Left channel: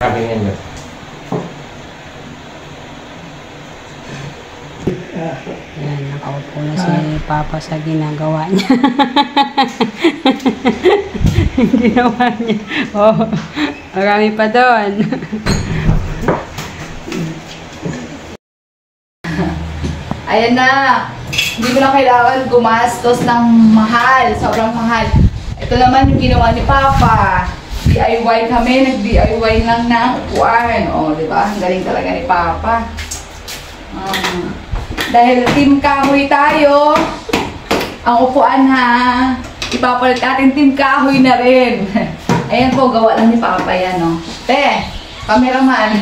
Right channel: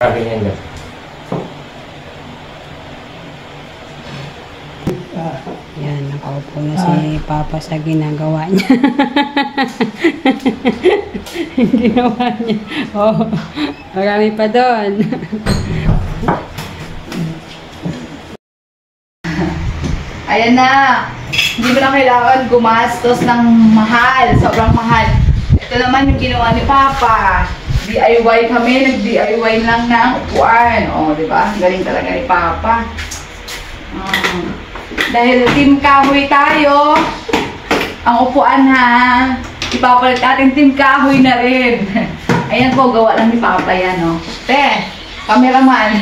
Ganyan nyo. Yan, nakaupo na si Papa sa ginagawa niya. Ginawa niya. Oh, marami pa doon. Ayan na. Hindi mo na kailangan gumastos ng mahal. Sobrang mahal. Ito naman yung ginawa ni Papa. DIY kami. Nag-DIY lang ng upuan. O, diba? Galing talaga ni Papa. Dahil team kahoy tayo, ang upuan ha, ipapalit natin team kahoy na rin. Ayan po, gawa lang ni Papa yan, no? Te, cameraman.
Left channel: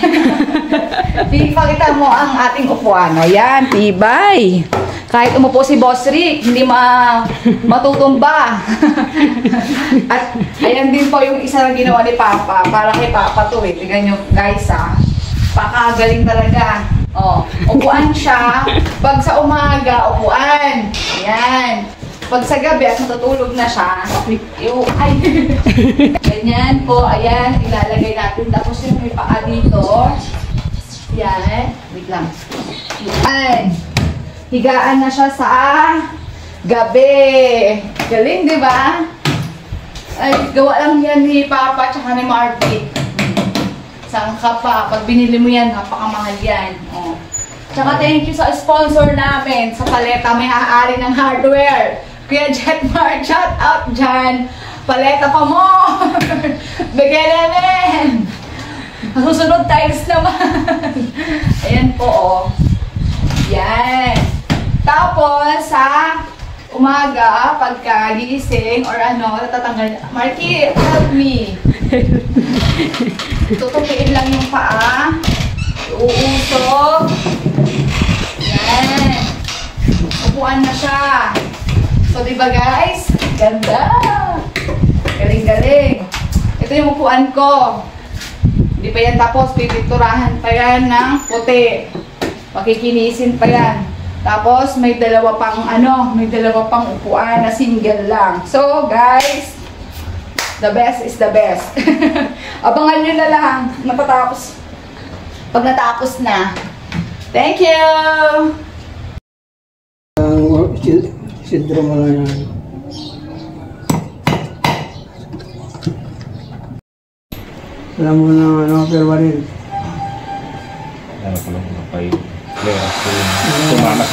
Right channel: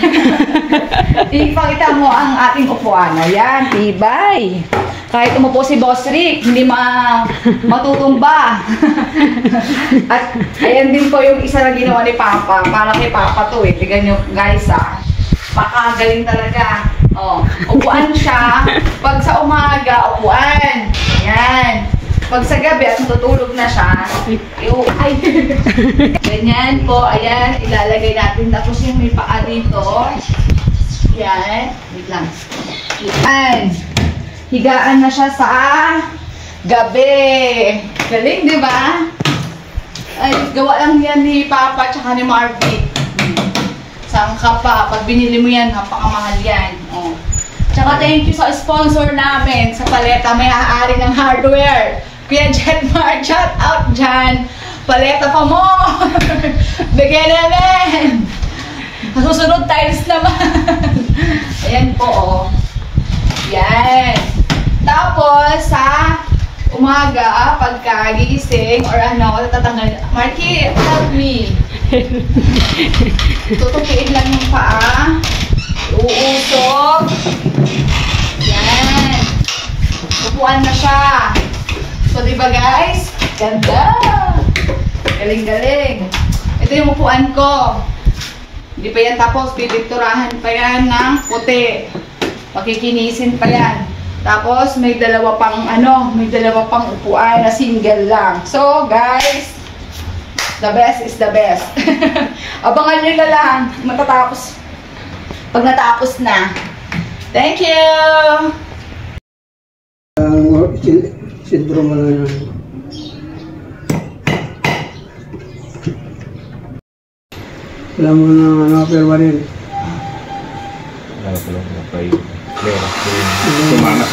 Ipakita mo ang ating upuan. Ayan, tibay. Kahit umupo si Boss Rick, hindi matutumba. At ayan din po yung isa na ginawa ni Papa. Para kay Papa to eh. Tignan nyo guys ha. Pakagaling talaga. Oh, upuan siya. Pag sa umaga, upuan. Ayan. Pag sa gabi at matutulog na siya, ay, ganyan po. Ayan, ilalagay natin. Tapos yung may paa dito. Ayan. Wait lang. Ayan. Higaan na siya sa gabi. Galing, di ba? Ay, gawa lang yan ni Papa tsaka ni Marvick. Saan ka pa? Pag binili mo yan, napakamahal yan. Oh. Tsaka thank you sa sponsor namin sa Paleta. May aari ng hardware. Kuya Jetmar, shout out dyan. Paleta pa mo. Bigyan namin. Susunod tiles naman. Ayan po, oh. Yan. Tapos, sa umaga, pagkagising, or ano, tatangal. Marky, help me. Tutupiin lang yung paa. Uusog. Yan. Upuan na siya. So, diba guys? Ganda. Galing-galing. Ito yung upuan ko. Hindi pa yan tapos. Pipinturahan pa yan ng puti. Pakikinisin pa yan. Tapos, may dalawa pang upuan na single lang. So, guys, the best is the best. Abangan nyo na lang. Matatapos. Pag natapos na. Thank you! Syndrome lang yan. Wala mo na pero rin. Ano ko lang, mapay. Kaya, sumanas.